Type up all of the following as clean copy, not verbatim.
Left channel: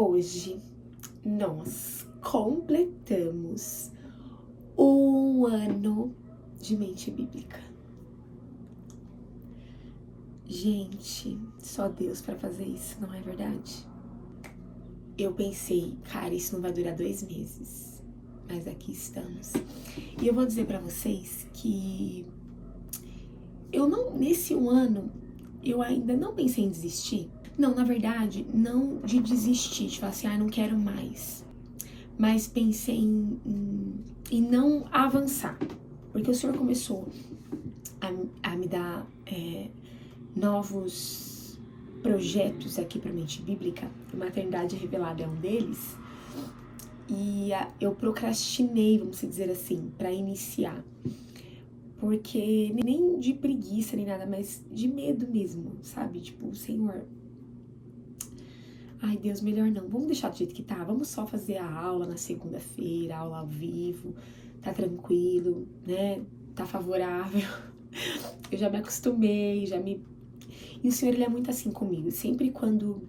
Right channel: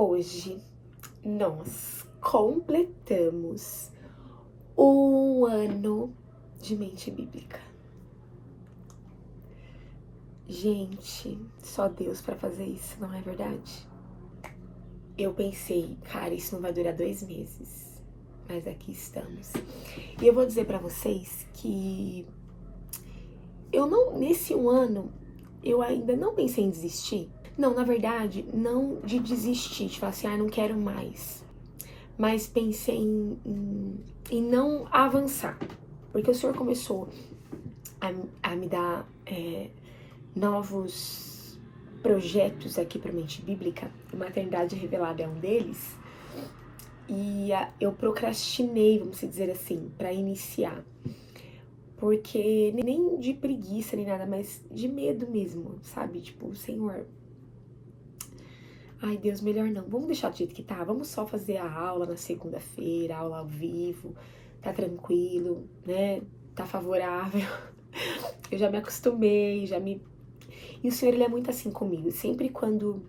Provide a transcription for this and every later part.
Hoje nós completamos 1 ano de mente bíblica. Gente, só Deus pra fazer isso, não é verdade? Eu pensei, cara, isso não vai durar 2 meses, mas aqui estamos. E eu vou dizer pra vocês que nesse 1 ano, eu ainda não pensei em desistir. Não, na verdade, não de desistir, de falar assim, não quero mais. Mas pensei em não avançar. Porque o Senhor começou a me dar novos projetos aqui para Mente Bíblica. A Maternidade Revelada é um deles. E eu procrastinei, vamos dizer assim, para iniciar. Porque nem de preguiça nem nada, mas de medo mesmo, sabe? Tipo, Senhor, ai Deus, melhor não, vamos deixar do jeito que tá, vamos só fazer a aula na segunda-feira, aula ao vivo, tá tranquilo, né? Tá favorável. Eu já me acostumei, E o Senhor, Ele é muito assim comigo, sempre quando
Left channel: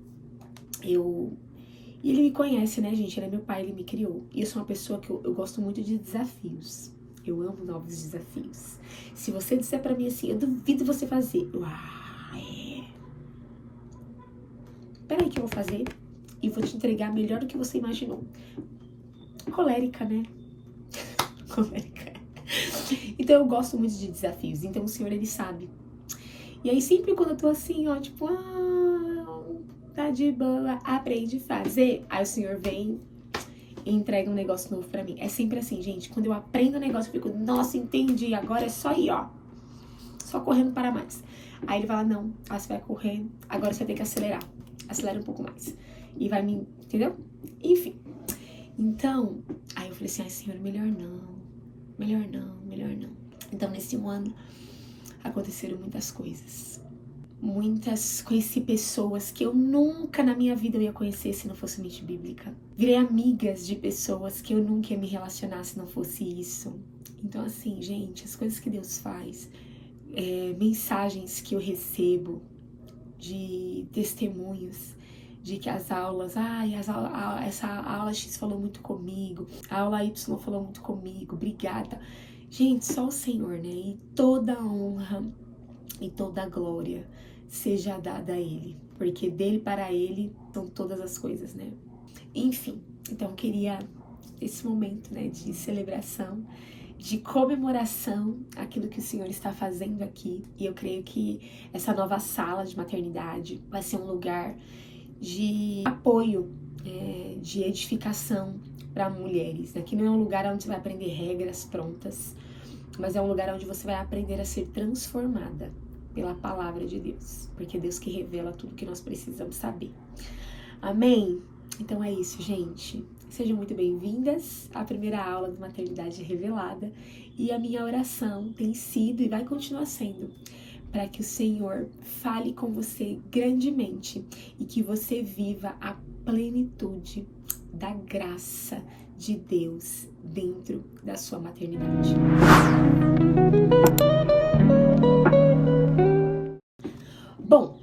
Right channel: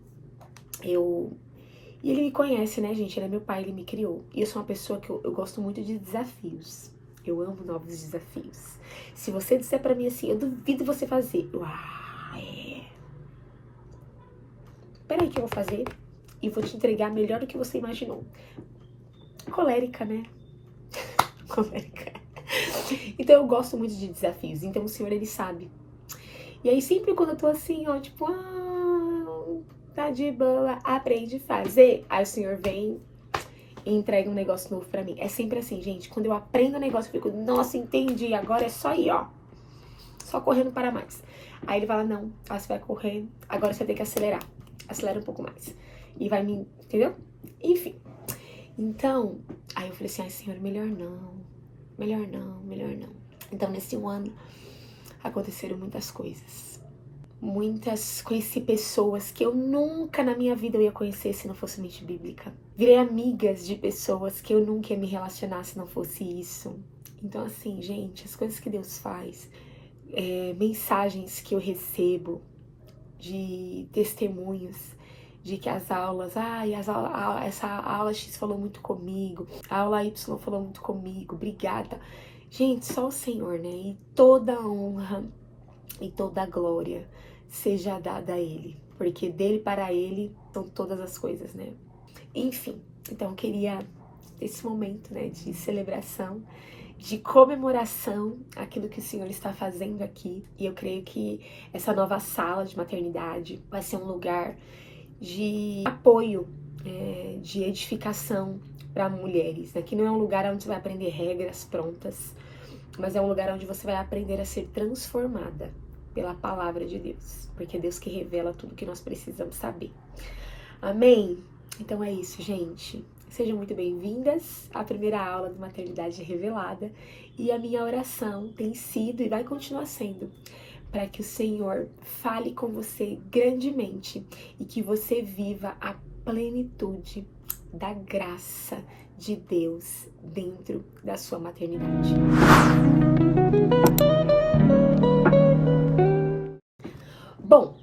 E Ele me conhece, né, gente? Ele é meu pai, Ele me criou. E eu sou uma pessoa que eu gosto muito de desafios. Eu amo novos desafios. Se você disser pra mim assim, eu duvido você fazer. Peraí que eu vou fazer e vou te entregar melhor do que você imaginou. Colérica, né? Colérica. Então eu gosto muito de desafios. Então o Senhor, Ele sabe. E aí sempre quando eu tô assim, ó, tipo, tá de boa, aprende a fazer. Aí o Senhor vem e entrega um negócio novo pra mim. É sempre assim, gente. Quando eu aprendo um negócio, eu fico, nossa, entendi. Agora é só ir, ó. Só correr não para mais. Aí Ele fala, não, você vai correr, agora você tem que acelerar. Acelera um pouco mais. E vai me... Entendeu? Enfim. Então, aí eu falei assim, Senhor, melhor não. Melhor não, melhor não. Então, nesse 1 ano, aconteceram muitas coisas. Conheci pessoas que eu nunca na minha vida eu ia conhecer se não fosse Mente Bíblica. Virei amigas de pessoas que eu nunca ia me relacionar se não fosse isso. Então, assim, gente, as coisas que Deus faz, mensagens que eu recebo, de testemunhos, de que as aulas, essa aula X falou muito comigo, a aula Y falou muito comigo, obrigada. Gente, só o Senhor, né? E toda a honra e toda a glória seja dada a Ele, porque dele para Ele são todas as coisas, né? Enfim, então eu queria esse momento, né, de celebração, de comemoração, aquilo que o Senhor está fazendo aqui. E eu creio que essa nova sala de maternidade vai ser um lugar de apoio, de edificação para mulheres. Aqui não é um lugar onde você vai aprender regras prontas, mas é um lugar onde você vai aprender a ser transformada pela palavra de Deus, porque é Deus que revela tudo que nós precisamos saber. Amém? Então é isso, gente. Sejam muito bem-vindas à primeira aula do Maternidade Revelada. E a minha oração tem sido e vai continuar sendo para que o Senhor fale com você grandemente e que você viva a plenitude da graça de Deus dentro da sua maternidade. Bom,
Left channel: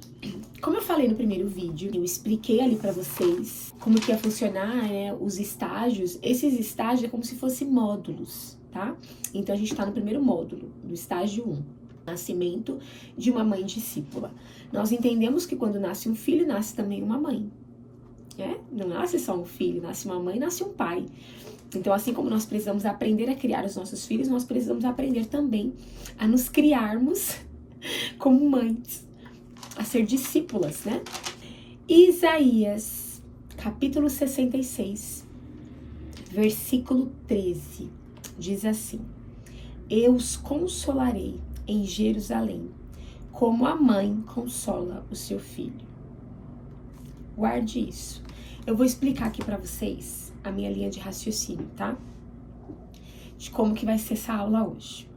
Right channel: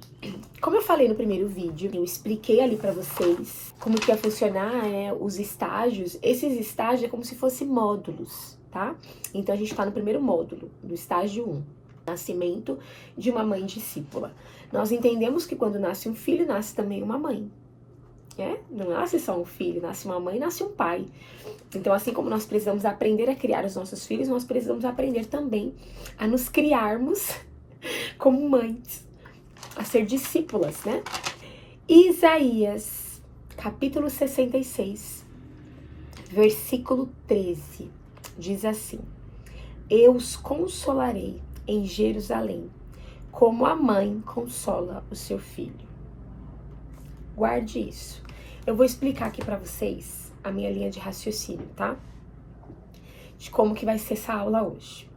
como eu falei no primeiro vídeo, eu expliquei ali pra vocês como que ia funcionar os estágios. Esses estágios é como se fossem módulos, tá? Então a gente tá no primeiro módulo, do estágio 1, nascimento de uma mãe discípula. Nós entendemos que quando nasce um filho, nasce também uma mãe, né? Não nasce só um filho, nasce uma mãe, nasce um pai. Então, assim como nós precisamos aprender a criar os nossos filhos, nós precisamos aprender também a nos criarmos como mães, a ser discípulas, né? Isaías, capítulo 66, versículo 13, diz assim: Eu os consolarei em Jerusalém, como a mãe consola o seu filho. Guarde isso. Eu vou explicar aqui pra vocês a minha linha de raciocínio, tá? De como que vai ser essa aula hoje.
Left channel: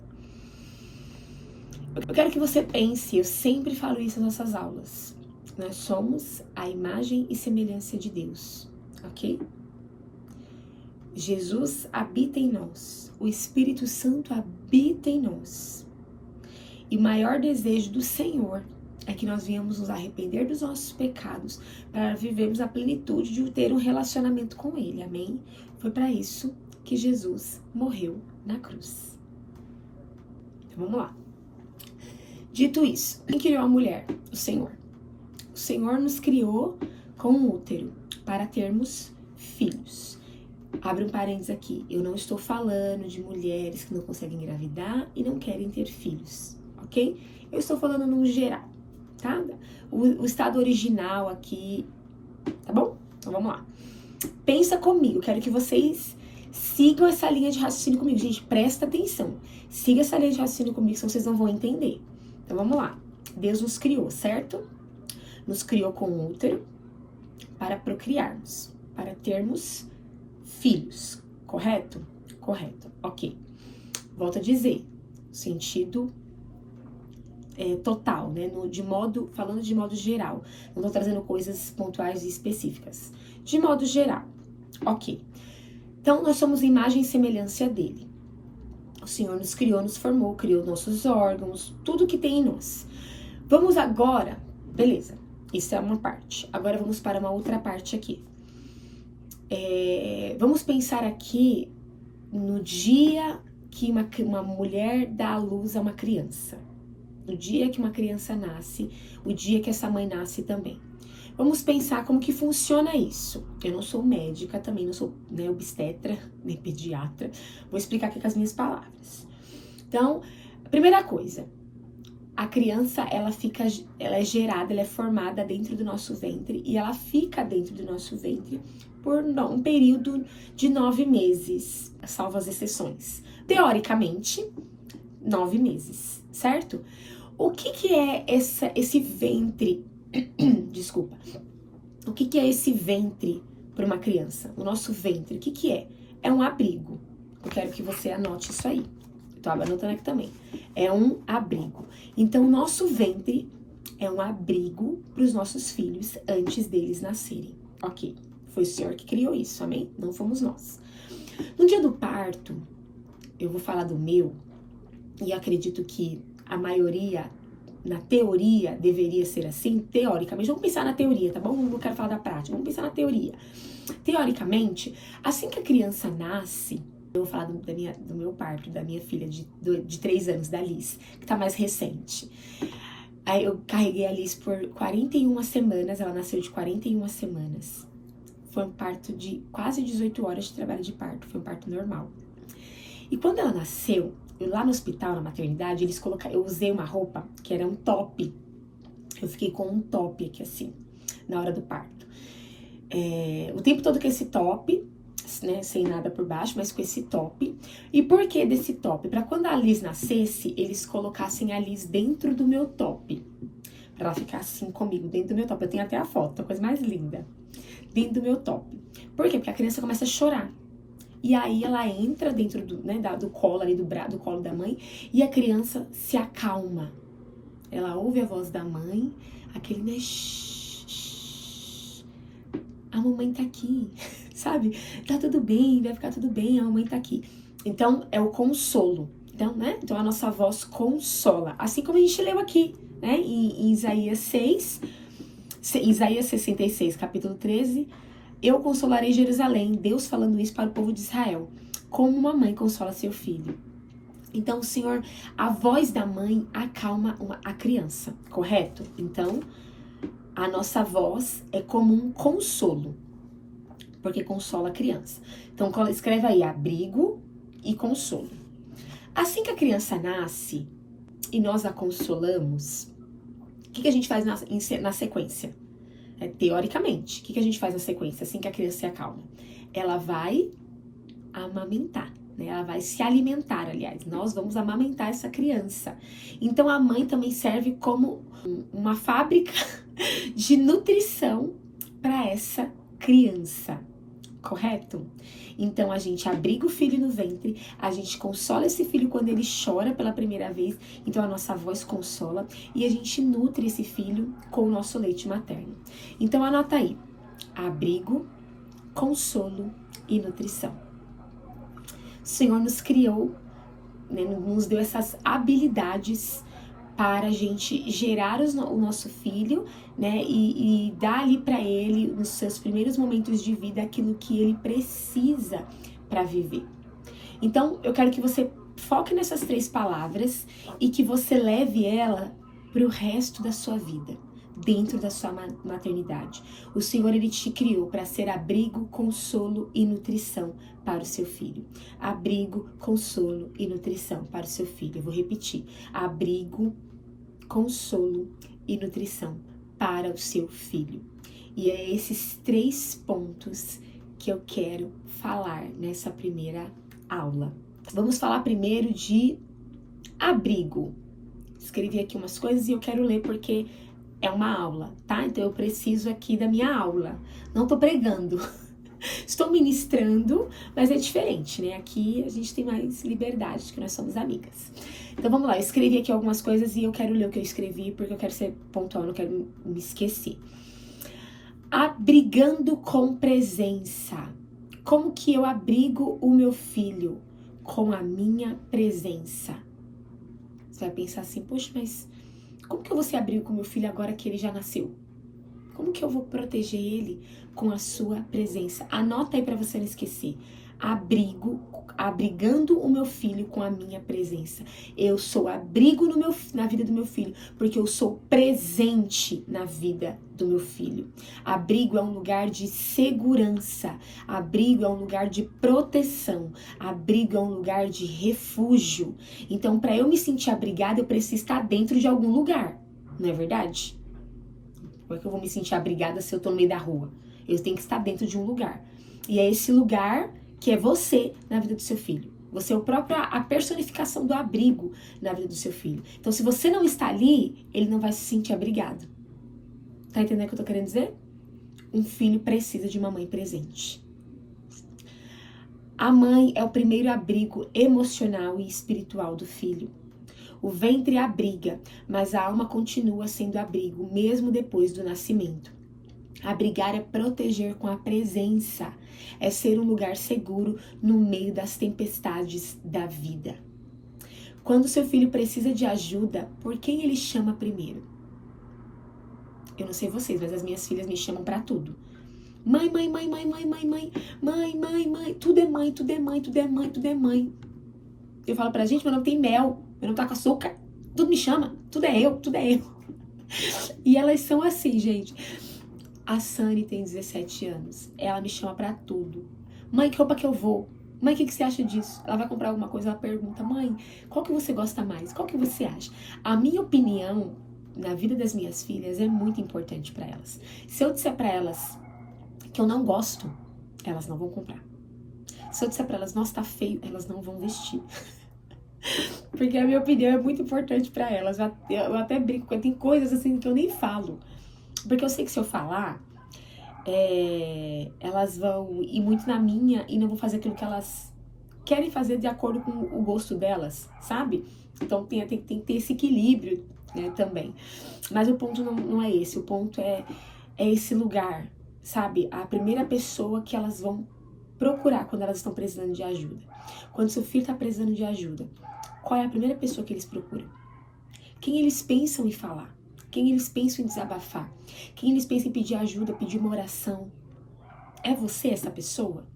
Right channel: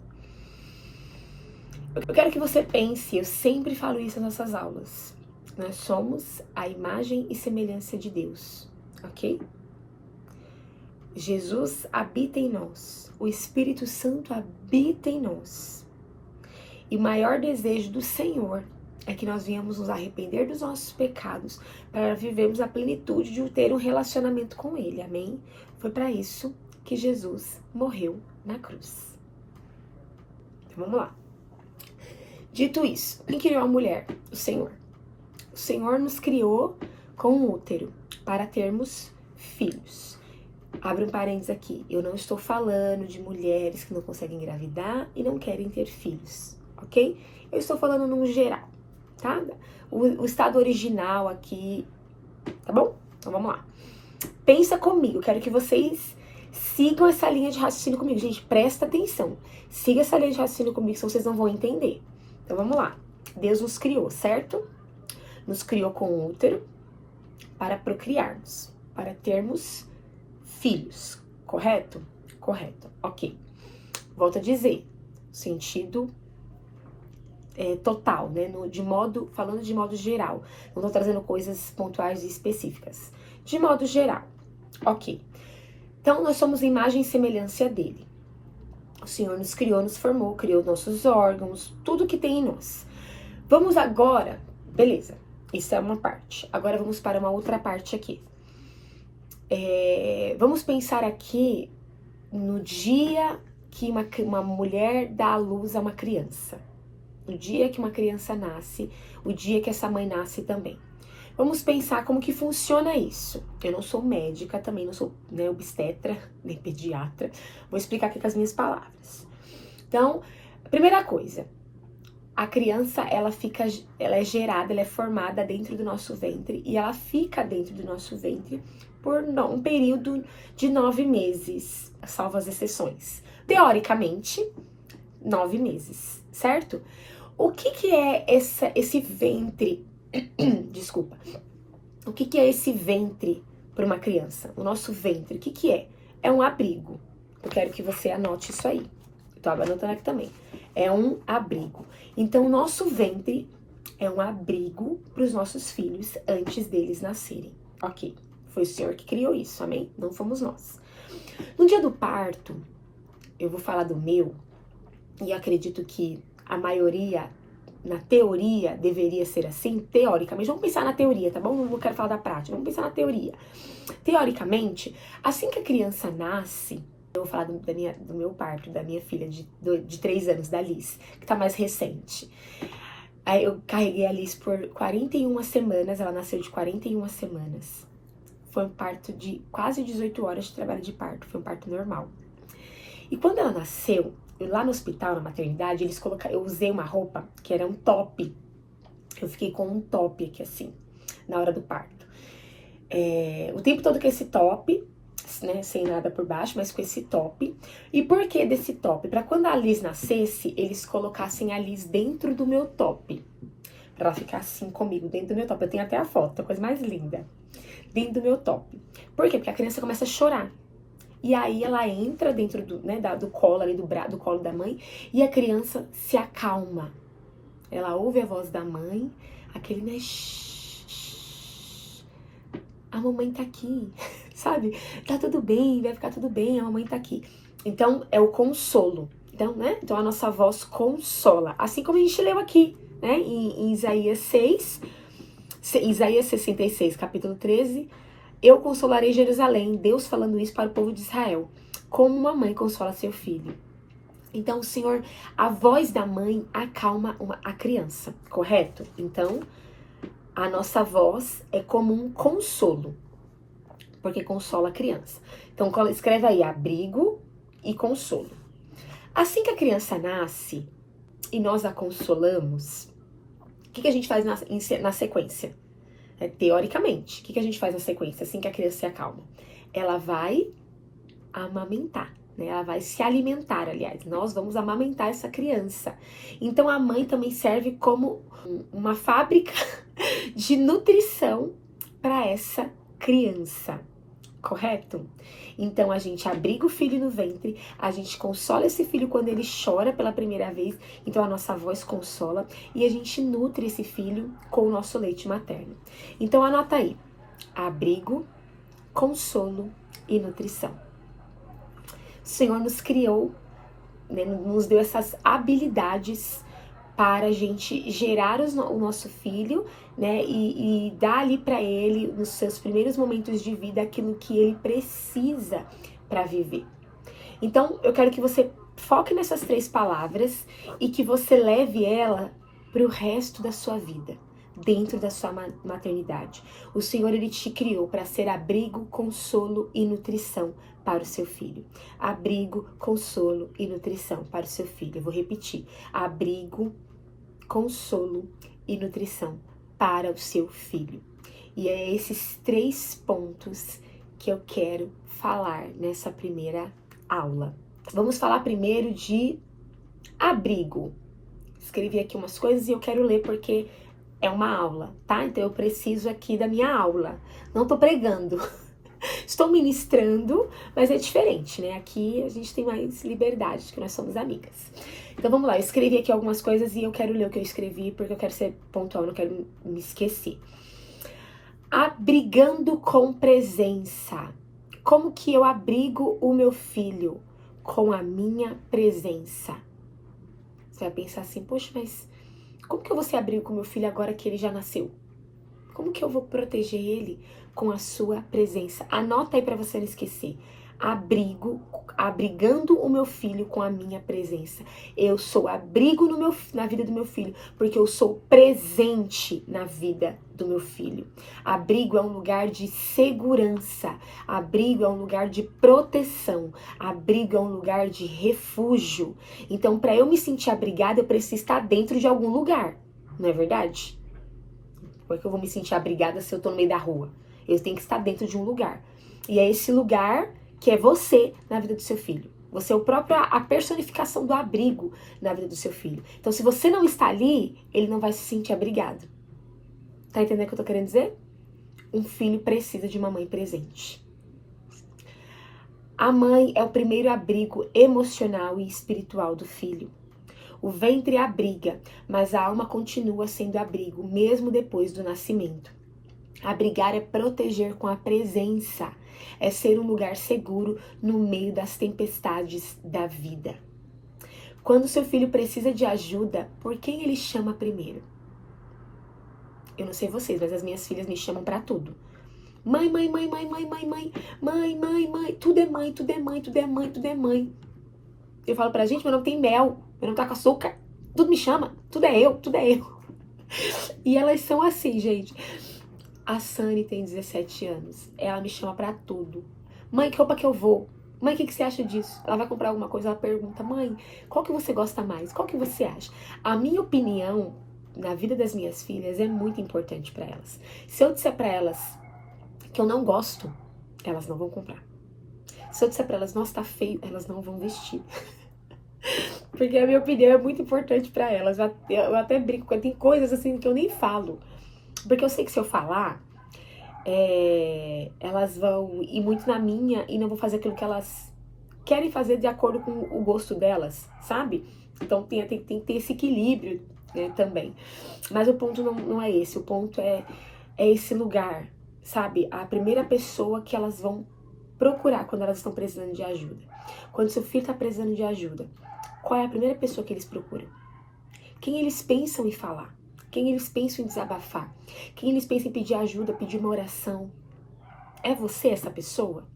Eu quero que você pense, eu sempre falo isso nas nossas aulas. Nós somos a imagem e semelhança de Deus, ok? Jesus habita em nós, o Espírito Santo habita em nós. E o maior desejo do Senhor é que nós viemos nos arrepender dos nossos pecados para vivermos a plenitude de ter um relacionamento com Ele, amém? Foi para isso que Jesus morreu na cruz. Então vamos lá. Dito isso, quem criou a mulher? O Senhor. O Senhor nos criou com um útero para termos filhos. Abre um parênteses aqui. Eu não estou falando de mulheres que não conseguem engravidar e não querem ter filhos, ok? Eu estou falando num geral, tá? O estado original aqui, tá bom? Então vamos lá. Pensa comigo, quero que vocês sigam essa linha de raciocínio comigo. Gente, presta atenção. Siga essa linha de raciocínio comigo, senão vocês não vão entender. Então vamos lá. Deus nos criou, certo? Nos criou com um útero para procriarmos, para termos filhos, correto? Correto, ok. Volto a dizer, sentido total, né? Falando de modo geral. Não tô trazendo coisas pontuais e específicas. De modo geral, ok. Então, nós somos imagem e semelhança dele. O Senhor nos criou, nos formou, criou nossos órgãos, tudo que tem em nós. Vamos agora, beleza, isso é uma parte. Agora vamos para uma outra parte aqui. Vamos pensar aqui no dia que uma mulher dá à luz a uma criança. No dia que uma criança nasce, o dia que essa mãe nasce também. Vamos pensar como que funciona isso. Eu não sou médica, também não sou obstetra, nem pediatra. Vou explicar aqui com as minhas palavras. Então, primeira coisa, a criança, ela é gerada, ela é formada dentro do nosso ventre e ela fica dentro do nosso ventre por um período de 9 meses, salvo as exceções. Teoricamente, 9 meses, certo? O que é esse ventre? Desculpa. O que é esse ventre para uma criança? O nosso ventre, o que é? É um abrigo. Eu quero que você anote isso aí. Eu tô anotando aqui também. É um abrigo. Então, o nosso ventre é um abrigo para os nossos filhos antes deles nascerem. Ok. Foi o Senhor que criou isso, amém? Não fomos nós. No dia do parto, eu vou falar do meu, e acredito que a maioria, na teoria, deveria ser assim, teoricamente. Vamos pensar na teoria, tá bom? Não quero falar da prática, vamos pensar na teoria. Teoricamente, assim que a criança nasce, eu vou falar do meu parto, da minha filha de 3 anos, da Liz, que tá mais recente. Aí eu carreguei a Liz por 41 semanas, ela nasceu de 41 semanas. Foi um parto de quase 18 horas de trabalho de parto, foi um parto normal. E quando ela nasceu, lá no hospital, na maternidade, eu usei uma roupa que era um top. Eu fiquei com um top aqui assim, na hora do parto. O tempo todo com esse top, né, sem nada por baixo, mas com esse top. E por que desse top? Para quando a Liz nascesse, eles colocassem a Liz dentro do meu top. Pra ela ficar assim comigo, dentro do meu top. Eu tenho até a foto, a coisa mais linda. Dentro do meu top. Por quê? Porque a criança começa a chorar. E aí ela entra dentro do colo ali, do colo da mãe, e a criança se acalma. Ela ouve a voz da mãe, aquele, né, shh, a mamãe tá aqui, sabe? Tá tudo bem, vai ficar tudo bem, a mamãe tá aqui. Então, é o consolo. Então, né? Então, a nossa voz consola. Assim como a gente leu aqui, né? Em Isaías 66, capítulo 13, eu consolarei Jerusalém, Deus falando isso para o povo de Israel, como uma mãe consola seu filho. Então, o Senhor, a voz da mãe acalma a criança, correto? Então, a nossa voz é como um consolo, porque consola a criança. Então, escreve aí, abrigo e consolo. Assim que a criança nasce e nós a consolamos, o que a gente faz na sequência? Teoricamente, o que a gente faz na sequência, assim que a criança se acalma? Ela vai amamentar, né? Ela vai se alimentar, aliás. Nós vamos amamentar essa criança. Então, a mãe também serve como uma fábrica de nutrição para essa criança, correto? Então, a gente abriga o filho no ventre, a gente consola esse filho quando ele chora pela primeira vez, então a nossa voz consola, e a gente nutre esse filho com o nosso leite materno. Então, anota aí, abrigo, consolo e nutrição. O Senhor nos criou, né, nos deu essas habilidades para a gente gerar o nosso filho, né, e dar ali para ele, nos seus primeiros momentos de vida, aquilo que ele precisa para viver. Então, eu quero que você foque nessas 3 palavras e que você leve ela para o resto da sua vida, dentro da sua maternidade. O Senhor, Ele te criou para ser abrigo, consolo e nutrição para o seu filho. Abrigo, consolo e nutrição para o seu filho. Eu vou repetir. Abrigo, consolo e nutrição para o seu filho. E é esses 3 pontos que eu quero falar nessa primeira aula. Vamos falar primeiro de abrigo. Escrevi aqui umas coisas e eu quero ler porque é uma aula, tá? Então eu preciso aqui da minha aula. Não tô pregando. Estou ministrando, mas é diferente, né? Aqui a gente tem mais liberdade, porque nós somos amigas. Então vamos lá, eu escrevi aqui algumas coisas e eu quero ler o que eu escrevi, porque eu quero ser pontual, não quero me esquecer. Abrigando com presença. Como que eu abrigo o meu filho? Com a minha presença. Você vai pensar assim, poxa, mas como que eu vou ser abrigo com o meu filho agora que ele já nasceu? Como que eu vou proteger ele com a sua presença? Anota aí para você não esquecer. Abrigando o meu filho com a minha presença. Eu sou abrigo na vida do meu filho, porque eu sou presente na vida do meu filho. Abrigo é um lugar de segurança. Abrigo é um lugar de proteção. Abrigo é um lugar de refúgio. Então, para eu me sentir abrigada, eu preciso estar dentro de algum lugar. Não é verdade? Como é que eu vou me sentir abrigada se eu tô no meio da rua? Eu tenho que estar dentro de um lugar. E é esse lugar que é você na vida do seu filho. Você é a personificação do abrigo na vida do seu filho. Então, se você não está ali, ele não vai se sentir abrigado. Tá entendendo o que eu tô querendo dizer? Um filho precisa de uma mãe presente. A mãe é o primeiro abrigo emocional e espiritual do filho. O ventre abriga, mas a alma continua sendo abrigo, mesmo depois do nascimento. Abrigar é proteger com a presença, é ser um lugar seguro no meio das tempestades da vida. Quando seu filho precisa de ajuda, por quem ele chama primeiro? Eu não sei vocês, mas as minhas filhas me chamam pra tudo. Mãe, mãe, mãe, mãe, mãe, mãe, mãe, mãe, mãe, mãe, tudo é mãe, tudo é mãe, tudo é mãe, tudo é mãe. Eu falo pra gente, meu nome tem mel, meu nome tá com açúcar, tudo me chama, tudo é eu, tudo é eu. E elas são assim, gente. A Sani tem 17 anos. Ela me chama pra tudo. Mãe, que roupa que eu vou? Mãe, o que você acha disso? Ela vai comprar alguma coisa, ela pergunta, mãe, qual que você gosta mais? Qual que você acha? A minha opinião na vida das minhas filhas é muito importante pra elas. Se eu disser pra elas que eu não gosto, elas não vão comprar. Se eu disser pra elas, nossa, tá feio, elas não vão vestir. Porque a minha opinião é muito importante pra elas. Eu até brinco, tem coisas assim que eu nem falo. Porque eu sei que se eu falar, elas vão ir muito na minha e não vão fazer aquilo que elas querem fazer de acordo com o gosto delas, sabe? Então tem que ter esse equilíbrio, né, também. Mas o ponto não é esse, o ponto é esse lugar, sabe? A primeira pessoa que elas vão procurar quando elas estão precisando de ajuda. Quando seu filho está precisando de ajuda, qual é a primeira pessoa que eles procuram? Quem eles pensam em falar? Quem eles pensam em desabafar? Quem eles pensam em pedir ajuda, pedir uma oração? É você essa pessoa?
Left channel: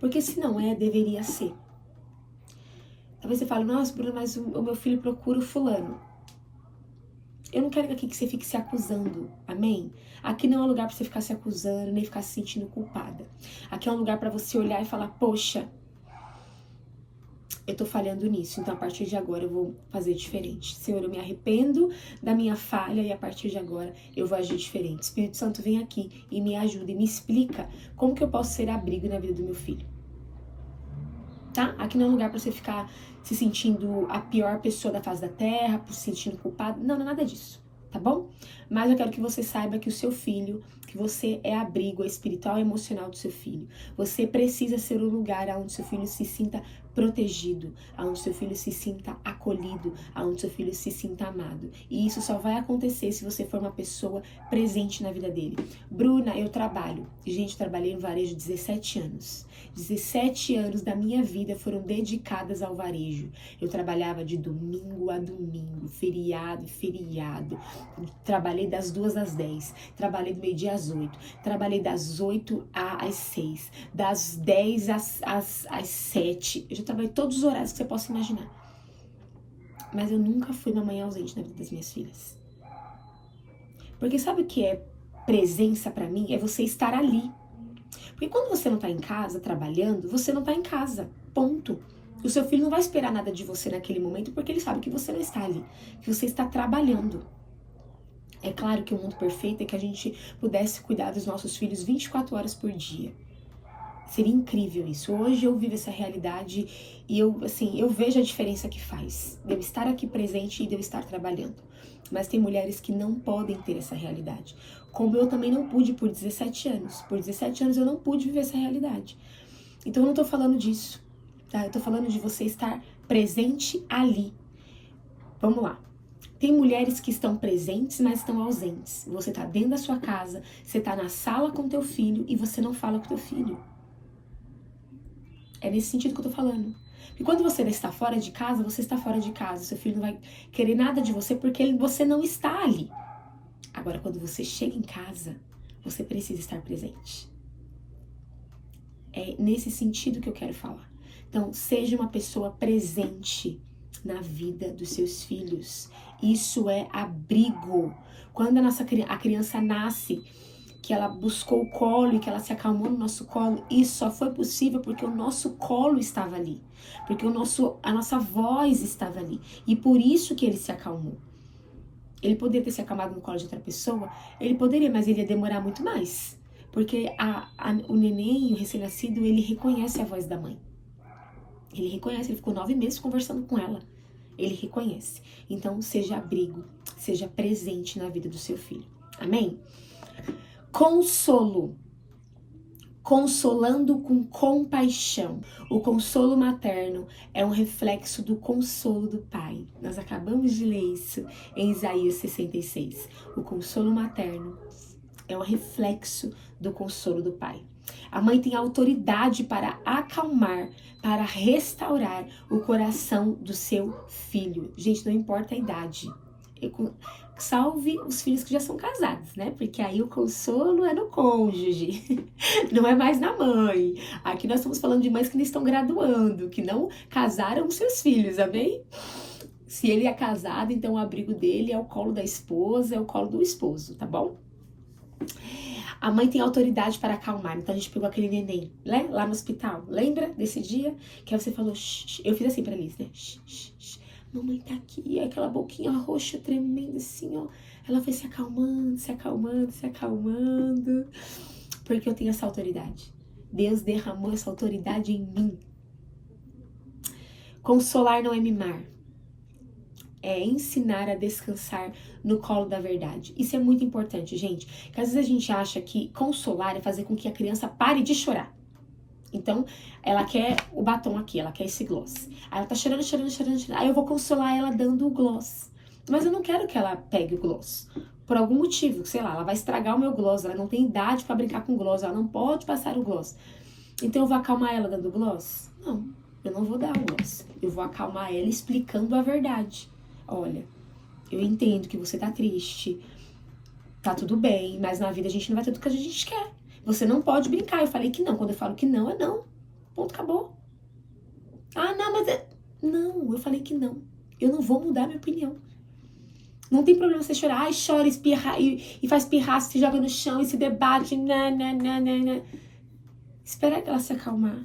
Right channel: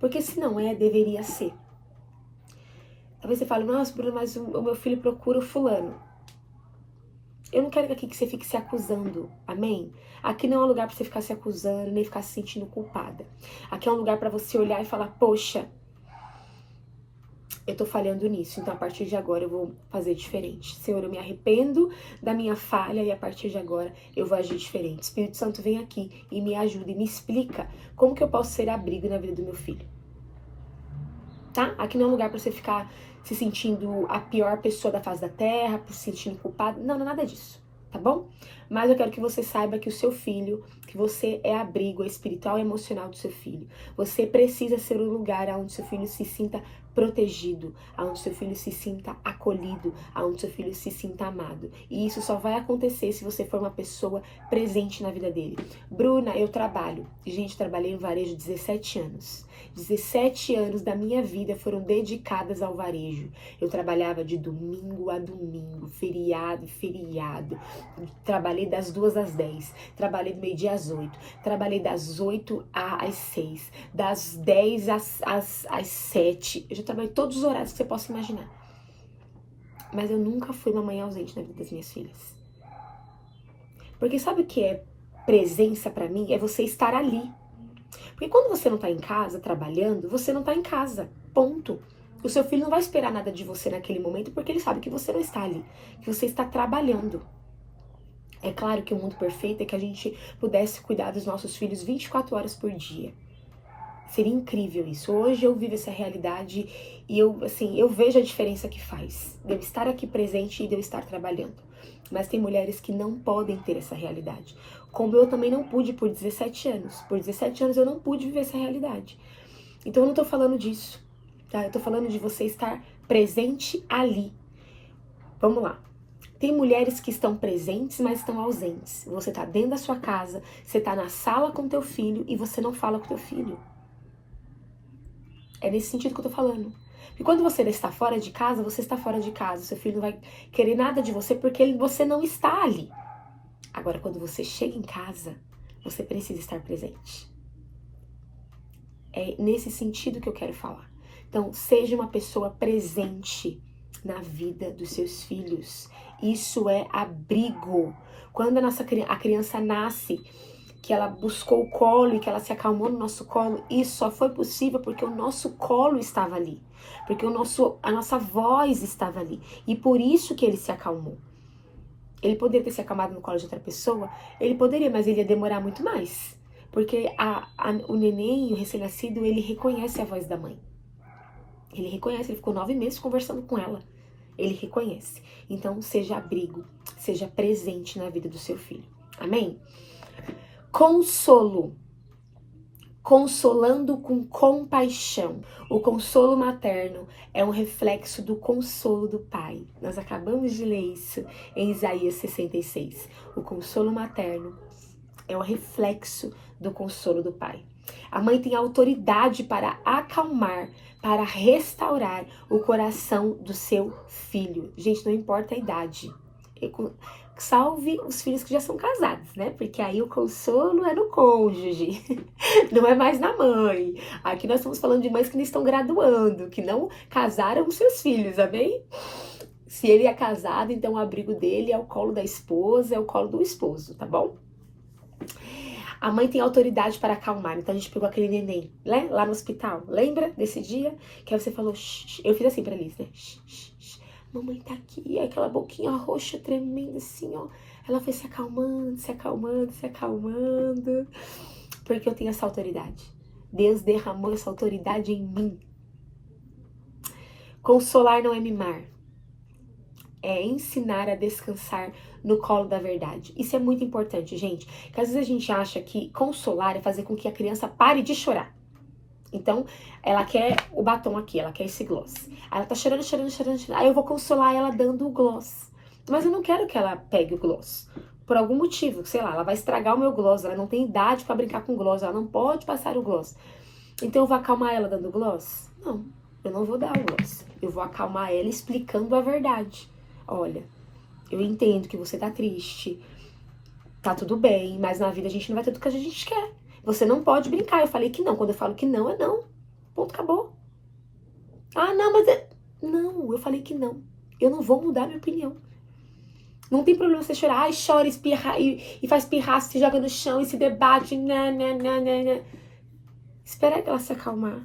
Porque se não é, deveria ser. Talvez você fale, nossa, Bruna, mas o meu filho procura o fulano. Eu não quero aqui que você fique se acusando, amém? Aqui não é um lugar para você ficar se acusando, nem ficar se sentindo culpada. Aqui é um lugar para você olhar e falar, poxa, eu tô falhando nisso, então a partir de agora eu vou fazer diferente. Senhor, eu me arrependo da minha falha e a partir de agora eu vou agir diferente. Espírito Santo, vem aqui e me ajuda e me explica como que eu posso ser abrigo na vida do meu filho. Tá? Aqui não é um lugar pra você ficar se sentindo a pior pessoa da face da terra, se sentindo culpado. Não, não é nada disso, tá bom? Mas eu quero que você saiba que o seu filho, que que você é abrigo espiritual e emocional do seu filho. Você precisa ser um lugar onde seu filho se sinta protegido, onde seu filho se sinta acolhido, onde seu filho se sinta amado. E isso só vai acontecer se você for uma pessoa presente na vida dele. Bruna, eu trabalho. Gente, trabalhei no varejo 17 anos. 17 anos da minha vida foram dedicadas ao varejo. Eu trabalhava de domingo a domingo, feriado e feriado. Trabalhei das 2 às 10, trabalhei do meio-dia às 8, trabalhei das 8 às 6, das 10 às 7. Eu já trabalhei todos os horários que você possa imaginar. Mas eu nunca fui uma mãe ausente na vida das minhas filhas. Porque sabe o que é presença pra mim? É você estar ali. Porque quando você não tá em casa trabalhando, você não tá em casa. Ponto. O seu filho não vai esperar nada de você naquele momento porque ele sabe que você não está ali, que você está trabalhando. É claro que o mundo perfeito é que a gente pudesse cuidar dos nossos filhos 24 horas por dia. Seria incrível isso. Hoje eu vivo essa realidade e eu vejo a diferença que faz de eu estar aqui presente e de eu estar trabalhando. Mas tem mulheres que não podem ter essa realidade. Como eu também não pude por 17 anos. Por 17 anos eu não pude viver essa realidade. Então eu não tô falando disso, tá? Eu tô falando de você estar presente ali. Vamos lá. Tem mulheres que estão presentes, mas estão ausentes. Você tá dentro da sua casa, você tá na sala com teu filho e você não fala com teu filho. É nesse sentido que eu tô falando. Porque quando você está fora de casa, você está fora de casa. Seu filho não vai querer nada de você porque você não está ali. Agora, quando você chega em casa, você precisa estar presente. É nesse sentido que eu quero falar. Então, seja uma pessoa presente na vida dos seus filhos. Isso é abrigo. Quando a criança nasce, que ela buscou o colo e que ela se acalmou no nosso colo, isso só foi possível porque o nosso colo estava ali. Porque a nossa voz estava ali. E por isso que ele se acalmou. Ele poderia ter se acalmado no colo de outra pessoa? Ele poderia, mas ele ia demorar muito mais. Porque o neném, o recém-nascido, ele reconhece a voz da mãe. Ele reconhece, ele ficou 9 meses conversando com ela. Ele reconhece. Então, seja abrigo, seja presente na vida do seu filho. Amém? Consolo. Consolando com compaixão. O consolo materno é um reflexo do consolo do pai. Nós acabamos de ler isso em Isaías 66. O consolo materno é um reflexo do consolo do pai. A mãe tem autoridade para acalmar, para restaurar o coração do seu filho. Gente, não importa a idade. Salve os filhos que já são casados, né? Porque aí o consolo é no cônjuge, não é mais na mãe. Aqui nós estamos falando de mães que não estão graduando, que não casaram os seus filhos, amém? Se ele é casado, então o abrigo dele é o colo da esposa, é o colo do esposo, tá bom? A mãe tem autoridade para acalmar. Então a gente pegou aquele neném, né? Lá no hospital. Lembra desse dia? Que aí você falou, shh. Eu fiz assim pra Liz, né? Shh, shh, shh. Mamãe tá aqui. Aquela boquinha roxa, tremenda assim, ó. Ela foi se acalmando, se acalmando, se acalmando. Porque eu tenho essa autoridade. Deus derramou essa autoridade em mim. Consolar não é mimar. É ensinar a descansar no colo da verdade. Isso é muito importante, gente. Porque às vezes a gente acha que consolar é fazer com que a criança pare de chorar. Então, ela quer o batom aqui, ela quer esse gloss. Aí ela tá chorando, chorando, chorando, chorando. Aí eu vou consolar ela dando o gloss. Mas eu não quero que ela pegue o gloss. Por algum motivo, sei lá, ela vai estragar o meu gloss. Ela não tem idade pra brincar com gloss. Ela não pode passar o gloss. Então eu vou acalmar ela dando o gloss? Não, eu não vou dar o gloss. Eu vou acalmar ela explicando a verdade. Olha, eu entendo que você tá triste, tá tudo bem, mas na vida a gente não vai ter tudo que a gente quer. Você não pode brincar. Eu falei que não. Quando eu falo que não, é não. Ponto, acabou. Ah, não, mas Não, eu falei que não. Eu não vou mudar minha opinião. Não tem problema você chorar. Ai, chora, espirra e faz pirrar, se joga no chão e se debate. Né. Espera ela se acalmar.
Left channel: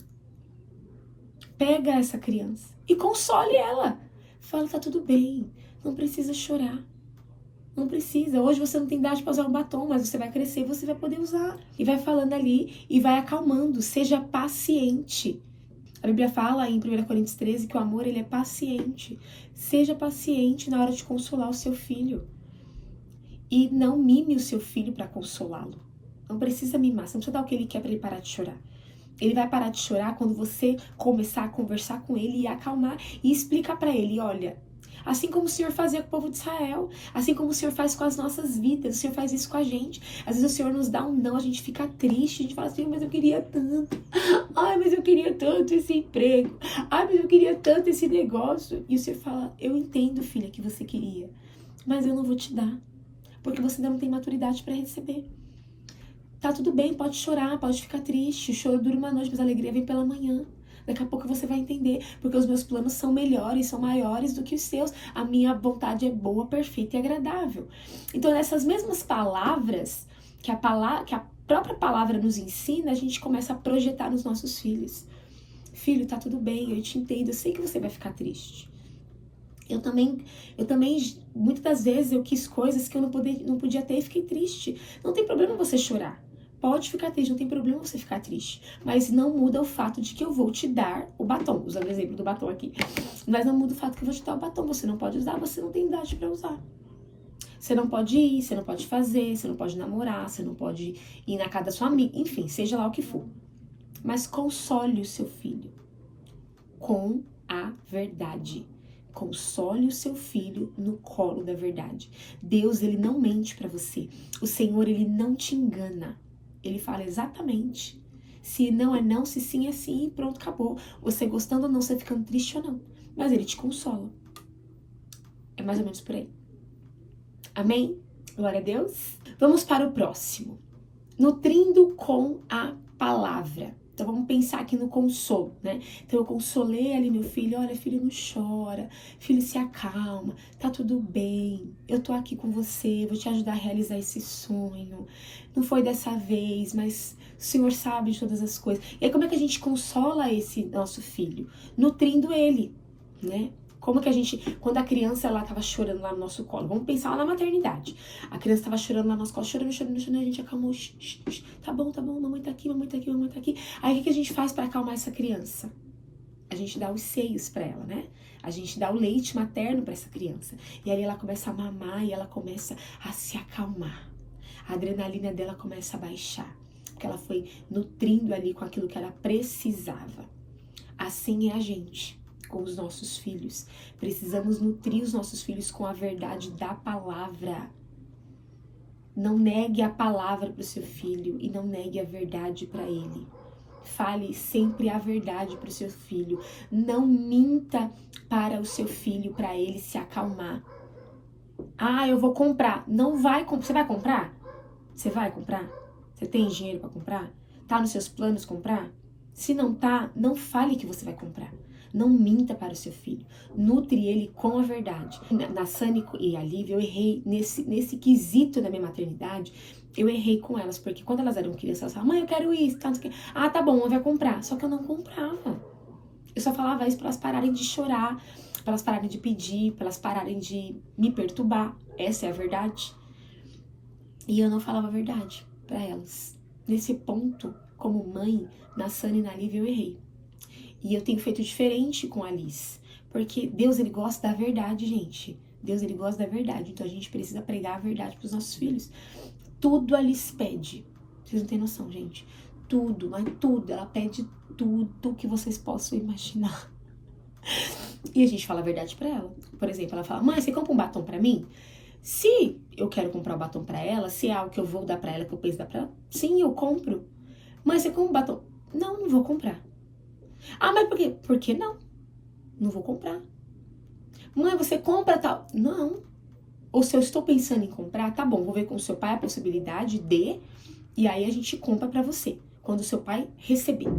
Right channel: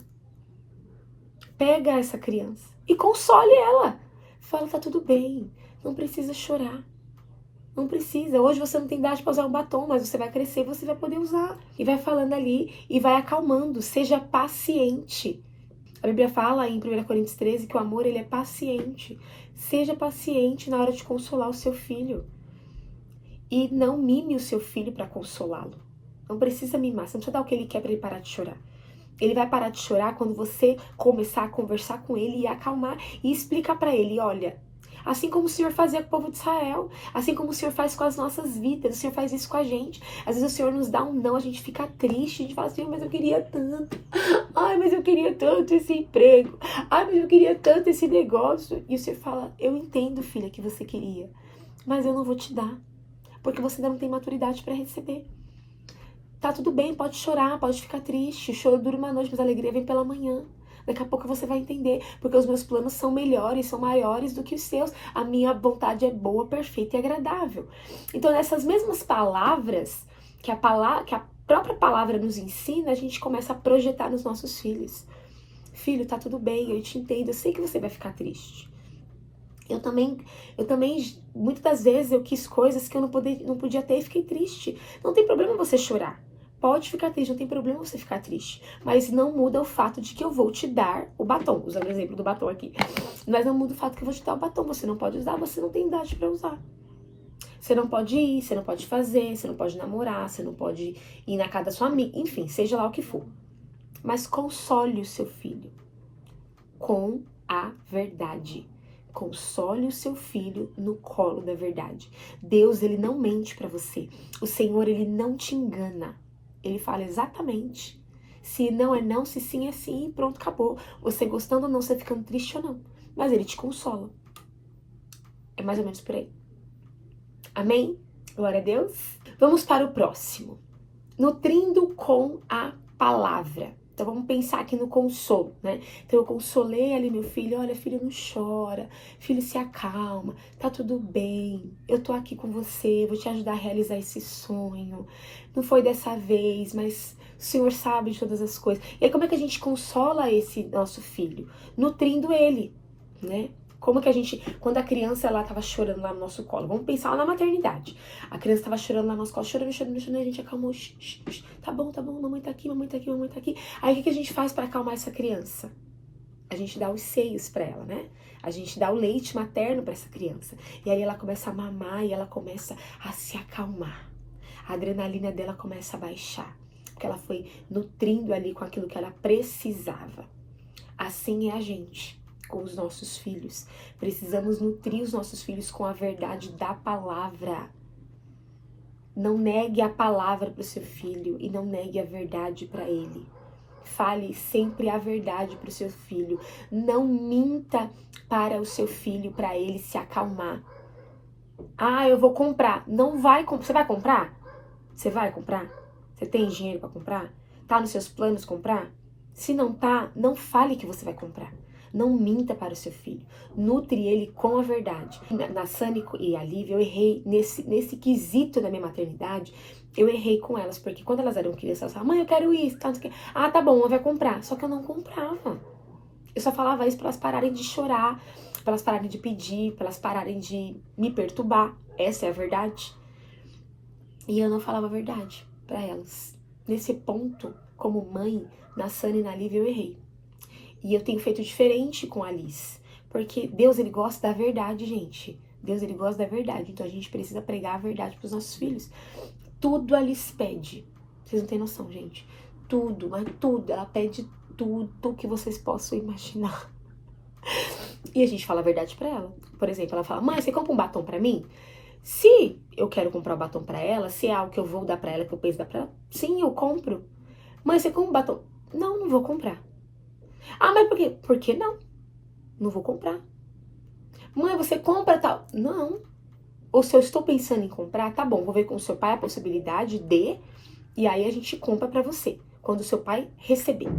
Pega essa criança e console ela. Fala, tá tudo bem. Não precisa chorar. Não precisa. Hoje você não tem idade para usar um batom, mas você vai crescer e você vai poder usar. E vai falando ali e vai acalmando. Seja paciente. A Bíblia fala em 1 Coríntios 13 que o amor ele é paciente. Seja paciente na hora de consolar o seu filho. E não mime o seu filho para consolá-lo. Não precisa mimar, você não precisa dar o que ele quer pra ele parar de chorar. Ele vai parar de chorar quando você começar a conversar com ele e acalmar e explicar pra ele, olha, assim como o Senhor fazia com o povo de Israel, assim como o Senhor faz com as nossas vidas, o Senhor faz isso com a gente. Às vezes o Senhor nos dá um não, a gente fica triste, a gente fala assim, mas eu queria tanto. Ai, mas eu queria tanto esse emprego. Ai, mas eu queria tanto esse negócio. E o Senhor fala, eu entendo, filha, que você queria, mas eu não vou te dar, porque você ainda não tem maturidade para receber. Tá tudo bem, pode chorar, pode ficar triste. O choro dura uma noite, mas a alegria vem pela manhã. Daqui a pouco você vai entender, porque os meus planos são melhores, são maiores do que os seus. A minha vontade é boa, perfeita e agradável. Então, nessas mesmas palavras que a própria palavra nos ensina, a gente começa a projetar nos nossos filhos. Filho, tá tudo bem, eu te entendo, eu sei que você vai ficar triste. Eu também, muitas das vezes eu quis coisas que eu não podia ter e fiquei triste. Não tem problema você chorar. Pode ficar triste, não tem problema você ficar triste. Mas não muda o fato de que eu vou te dar o batom. Usando o exemplo do batom aqui. Mas não muda o fato que eu vou te dar o batom. Você não pode usar, você não tem idade pra usar. Você não pode ir, você não pode fazer, você não pode namorar, você não pode ir na casa da sua amiga. Enfim, seja lá o que for. Mas console o seu filho com a verdade. Console o seu filho no colo da verdade. Deus, ele não mente pra você. O Senhor, ele não te engana. Ele fala exatamente. Se não é não, se sim é sim, e pronto, acabou. Você gostando ou não, você ficando triste ou não. Mas ele te consola. É mais ou menos por aí. Amém? Glória a Deus. Vamos para o próximo. Nutrindo com a palavra. Então vamos pensar aqui no consolo, né? Então eu consolei ali meu filho, olha, filho, não chora, filho, se acalma, tá tudo bem, eu tô aqui com você, vou te ajudar a realizar esse sonho. Não foi dessa vez, mas o Senhor sabe de todas as coisas. E aí como é que a gente consola esse nosso filho? Nutrindo ele, né? Como que a gente, quando a criança ela tava chorando lá no nosso colo, vamos pensar lá na maternidade. A criança tava chorando lá no nosso colo, chorando, a gente acalmou, tá bom, mamãe tá aqui, mamãe tá aqui, mamãe tá aqui. Aí o que a gente faz para acalmar essa criança? A gente dá os seios para ela, né? A gente dá o leite materno para essa criança. E aí ela começa a mamar e ela começa a se acalmar. A adrenalina dela começa a baixar, porque ela foi nutrindo ali com aquilo que ela precisava. Assim é a gente com os nossos filhos. Precisamos nutrir os nossos filhos com a verdade da palavra. Não negue a palavra para o seu filho e não negue a verdade para ele. Fale sempre a verdade para o seu filho. Não minta para o seu filho, para ele se acalmar. Ah, eu vou comprar. Não vai comprar. Você vai comprar? Você vai comprar? Você tem dinheiro para comprar? Tá nos seus planos comprar? Se não tá, não fale que você vai comprar. Não minta para o seu filho. Nutre ele com a verdade. Na Sani e a Lívia, eu errei nesse quesito da minha maternidade. Eu errei com elas, porque quando elas eram crianças, elas falavam, mãe, eu quero isso. Ah, tá bom, ela vai comprar. Só que eu não comprava. Eu só falava isso para elas pararem de chorar, para elas pararem de pedir, para elas pararem de me perturbar. Essa é a verdade. E eu não falava a verdade para elas. Nesse ponto, como mãe, na Sani e na Lívia, eu errei. E eu tenho feito diferente com a Alice. Porque Deus, ele gosta da verdade, gente. Deus, ele gosta da verdade. Então a gente precisa pregar a verdade pros nossos filhos. Tudo a Alice pede. Vocês não têm noção, gente. Tudo, mas tudo. Ela pede tudo que vocês possam imaginar. E a gente fala a verdade pra ela. Por exemplo, ela fala, mãe, você compra um batom pra mim? Se eu quero comprar um batom pra ela, se é algo que eu vou dar pra ela, que eu penso dar pra ela, sim, eu compro. Mãe, você compra um batom? Não, não vou comprar. Ah, mas por quê? Por que não? Não vou comprar. Mãe, você compra tal? Não. Ou se eu estou pensando em comprar, tá bom, vou ver com o seu pai a possibilidade de, e aí a gente compra pra você, quando o seu pai receber.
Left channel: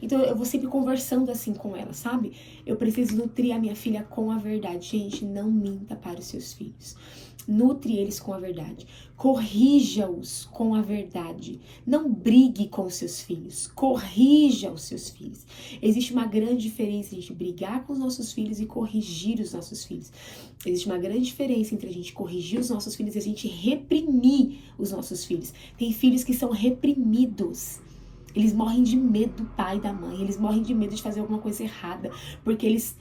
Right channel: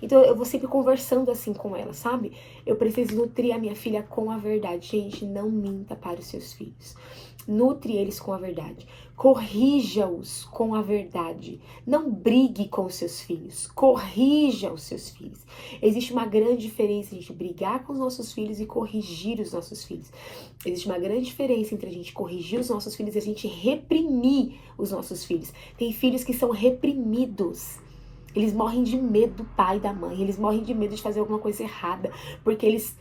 Então eu vou sempre conversando assim com ela, sabe? Eu preciso nutrir a minha filha com a verdade. Gente, não minta para os seus filhos. Nutre eles com a verdade. Corrija-os com a verdade. Não brigue com os seus filhos. Corrija os seus filhos. Existe uma grande diferença entre a gente brigar com os nossos filhos e corrigir os nossos filhos. Existe uma grande diferença entre a gente corrigir os nossos filhos e a gente reprimir os nossos filhos. Tem filhos que são reprimidos. Eles morrem de medo do pai e da mãe. Eles morrem de medo de fazer alguma coisa errada. Porque eles,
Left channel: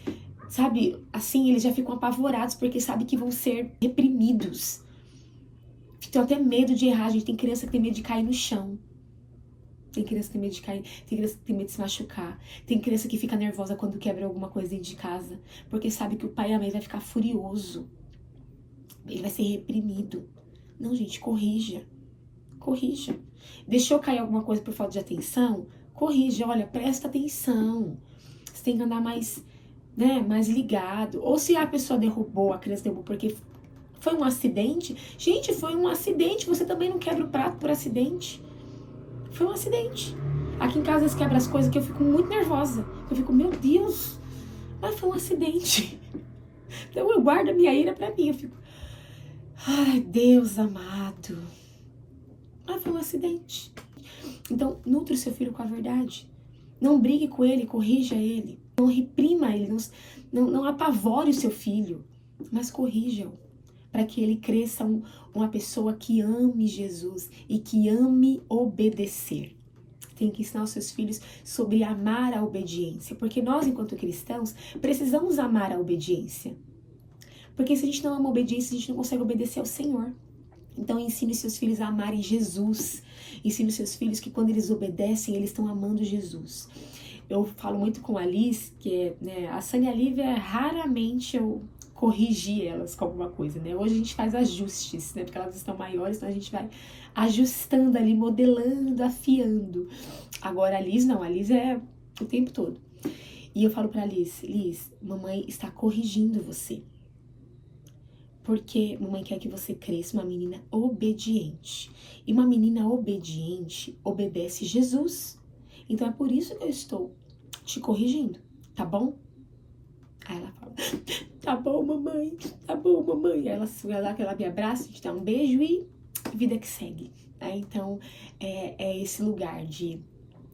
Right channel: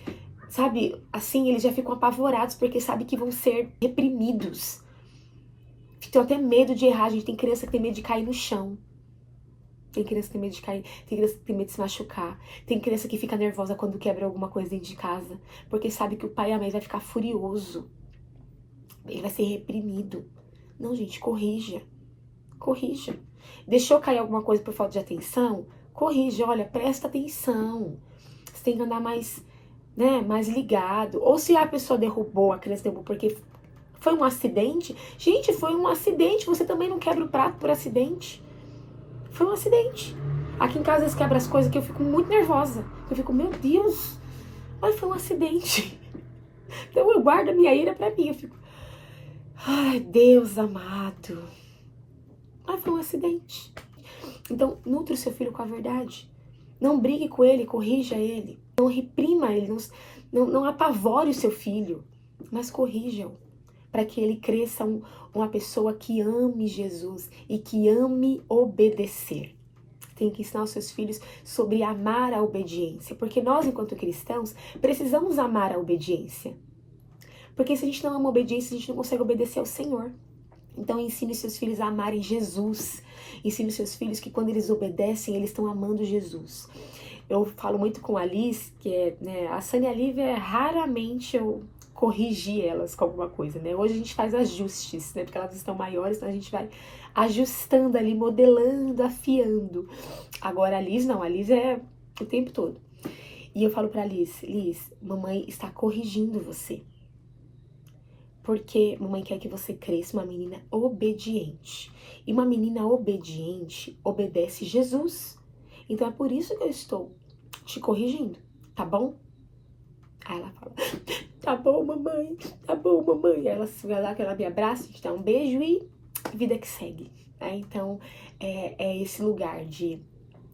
sabe, assim, eles já ficam apavorados porque sabem que vão ser reprimidos. Tenho até medo de errar, gente. Tem criança que tem medo de cair no chão. Tem criança que tem medo de cair, tem criança que tem medo de se machucar. Tem criança que fica nervosa quando quebra alguma coisa dentro de casa, porque sabe que o pai e a mãe vai ficar furioso. Ele vai ser reprimido. Não, gente, corrija. Corrija. Deixou cair alguma coisa por falta de atenção? Corrija. Olha, presta atenção. Você tem que andar mais, né, mais ligado. Ou se a pessoa derrubou, a criança derrubou porque foi um acidente. Gente, foi um acidente. Você também não quebra o prato por acidente. Foi um acidente. Aqui em casa, eles quebram as coisas que eu fico muito nervosa. Eu fico, meu Deus, mas foi um acidente. Então eu guardo a minha ira pra mim. Eu fico, ai, Deus amado. Mas foi um acidente. Então, nutre o seu filho com a verdade. Não brigue com ele, corrija ele. Não reprima ele, não apavore o seu filho. Mas corrija-o. Para que ele cresça uma pessoa que ame Jesus e que ame obedecer. Tem que ensinar os seus filhos sobre amar a obediência. Porque nós, enquanto cristãos, precisamos amar a obediência. Porque se a gente não ama a obediência, a gente não consegue obedecer ao Senhor. Então ensine seus filhos a amarem Jesus. Ensine seus filhos que quando eles obedecem, eles estão amando Jesus. Eu falo muito com a Liz, que é, né, a Sânia e a Lívia, raramente eu corrigi elas com alguma coisa, né? Hoje a gente faz ajustes, né? Porque elas estão maiores, então a gente vai ajustando ali, modelando, afiando. Agora a Liz não, a Liz é o tempo todo. E eu falo pra Liz, mamãe está corrigindo você. Porque mamãe quer que você cresça uma menina obediente. E uma menina obediente obedece Jesus. Então é por isso que eu estou te corrigindo, tá bom? Aí ela fala, tá bom, mamãe, tá bom, mamãe. Aí ela vai lá, que ela me abraça, te dá um beijo e vida que segue. Né? Então, é esse lugar de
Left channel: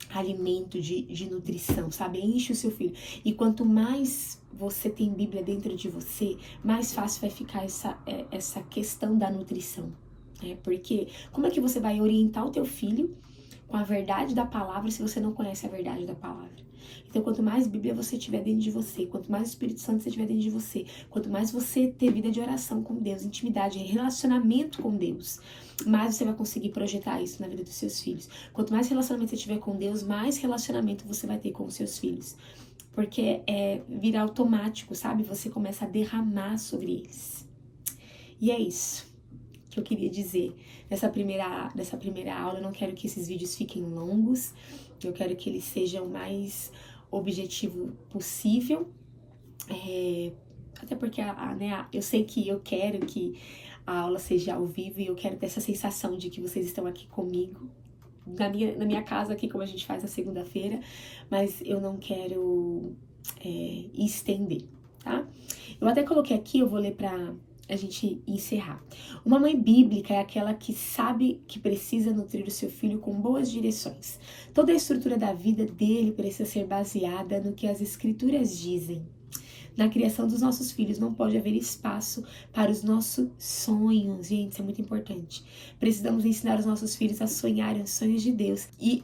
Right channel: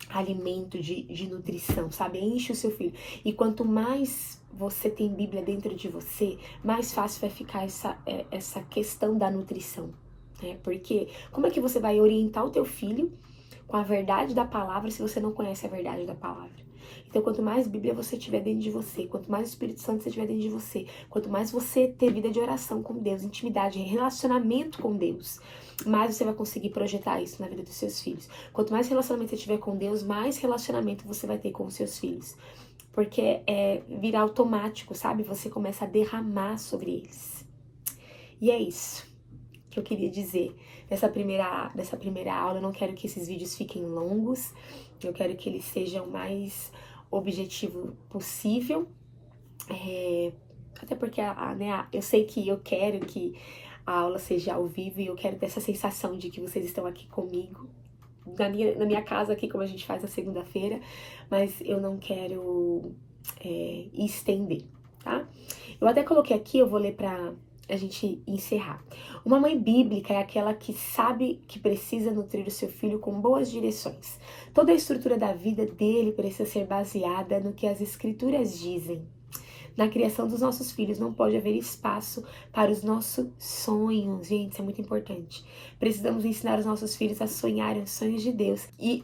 alimento, de nutrição, sabe? Enche o seu filho. E quanto mais você tem Bíblia dentro de você, mais fácil vai ficar essa questão da nutrição. Né? Porque como é que você vai orientar o teu filho com a verdade da palavra se você não conhece a verdade da palavra? Então, quanto mais Bíblia você tiver dentro de você, quanto mais Espírito Santo você tiver dentro de você, quanto mais você ter vida de oração com Deus, intimidade, relacionamento com Deus, mais você vai conseguir projetar isso na vida dos seus filhos. Quanto mais relacionamento você tiver com Deus, mais relacionamento você vai ter com os seus filhos. Porque vira automático, sabe? Você começa a derramar sobre eles. E é isso que eu queria dizer nessa primeira aula. Eu não quero que esses vídeos fiquem longos. Eu quero que eles sejam o mais objetivo possível. Até porque eu sei que eu quero que a aula seja ao vivo e eu quero ter essa sensação de que vocês estão aqui comigo, na minha casa aqui, como a gente faz na segunda-feira, mas eu não quero estender, tá? Eu até coloquei aqui, eu vou ler pra a gente encerrar. Uma mãe bíblica é aquela que sabe que precisa nutrir o seu filho com boas direções. Toda a estrutura da vida dele precisa ser baseada no que as escrituras dizem. Na criação dos nossos filhos não pode haver espaço para os nossos sonhos. Gente, isso é muito importante. Precisamos ensinar os nossos filhos a sonharem os sonhos de Deus. E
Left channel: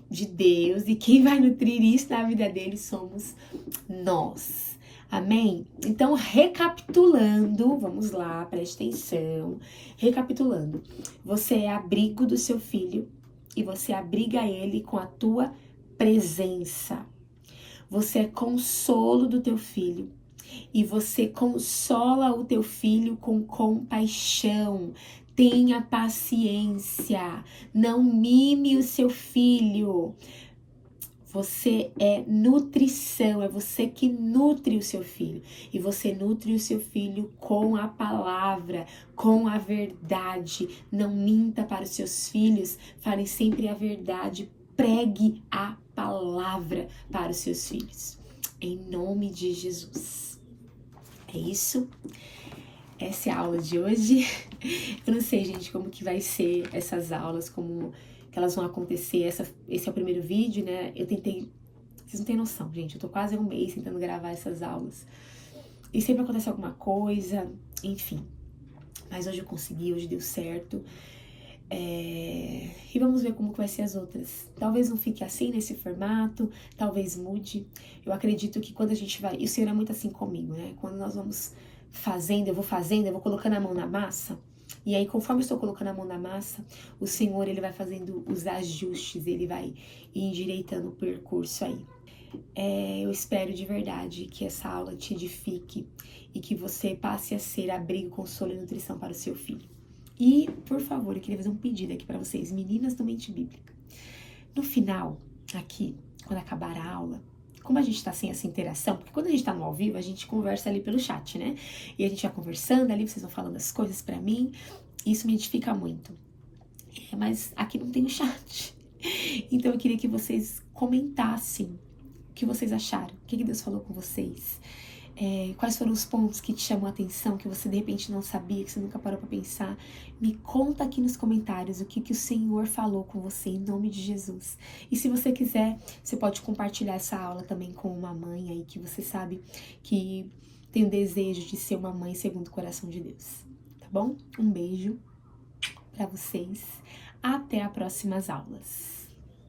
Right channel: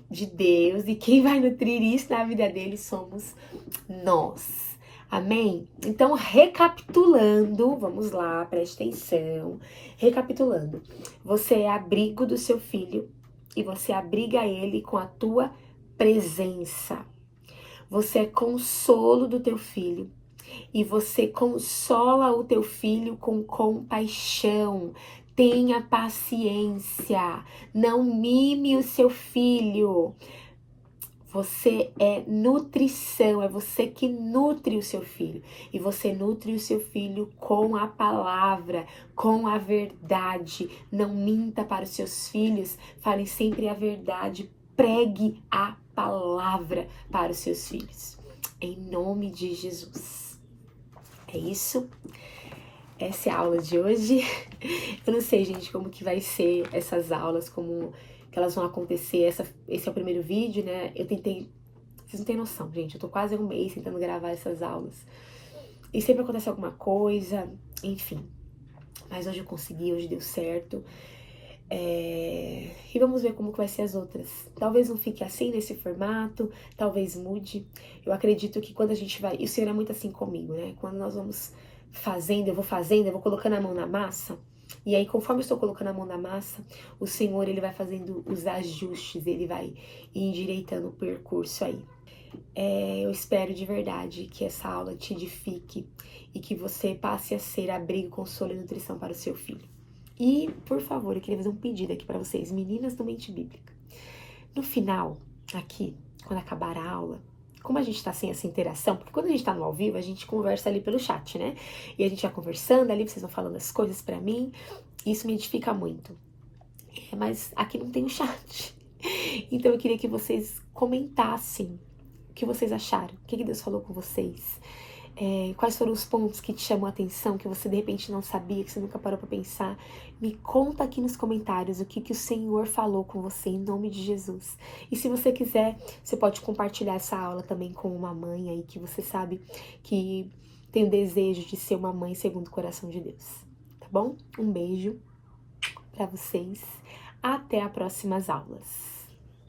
quem vai nutrir isso na vida deles somos nós. Amém? Então, recapitulando, vamos lá, preste atenção. Recapitulando, você é abrigo do seu filho e você abriga ele com a tua presença. Você é consolo do teu filho e você consola o teu filho com compaixão. Tenha paciência, não mime o seu filho. Você é nutrição, é você que nutre o seu filho. E você nutre o seu filho com a palavra, com a verdade. Não minta para os seus filhos, fale sempre a verdade. Pregue a palavra para os seus filhos. Em nome de Jesus. É isso. Essa é a aula de hoje. Eu não sei, gente, como que vai ser essas aulas, como que elas vão acontecer. Esse é o primeiro vídeo, né? Eu tentei... Vocês não têm noção, gente. Eu tô quase há um mês tentando gravar essas aulas. E sempre acontece alguma coisa, enfim. Mas hoje eu consegui, hoje deu certo. E vamos ver como que vai ser as outras. Talvez não fique assim, nesse formato. Talvez mude. Eu acredito que quando a gente vai... E o Senhor é muito assim comigo, né? Quando nós vamos fazendo, eu vou colocando a mão na massa. E aí, conforme eu estou colocando a mão na massa, o Senhor, ele vai fazendo os ajustes, ele vai endireitando o percurso aí. Eu espero de verdade que essa aula te edifique e que você passe a ser abrigo, consolo e nutrição para o seu filho. E, por favor, eu queria fazer um pedido aqui para vocês, meninas do Mente Bíblica. No final, aqui, quando acabar a aula, como a gente tá sem essa interação, porque quando a gente tá no ao vivo, a gente conversa ali pelo chat, né? E a gente vai conversando ali, vocês vão falando as coisas pra mim, isso me edifica muito. Mas aqui não tem o chat. Então eu queria que vocês comentassem o que vocês acharam, o que Deus falou com vocês. Quais foram os pontos que te chamam a atenção, que você de repente não sabia, que você nunca parou pra pensar. Me conta aqui nos comentários o que o Senhor falou com você, em nome de Jesus. E se você quiser, você pode compartilhar essa aula também com uma mãe aí que você sabe que tem o desejo de ser uma mãe segundo o coração de Deus. Tá bom? Um beijo pra vocês. Até as próximas aulas.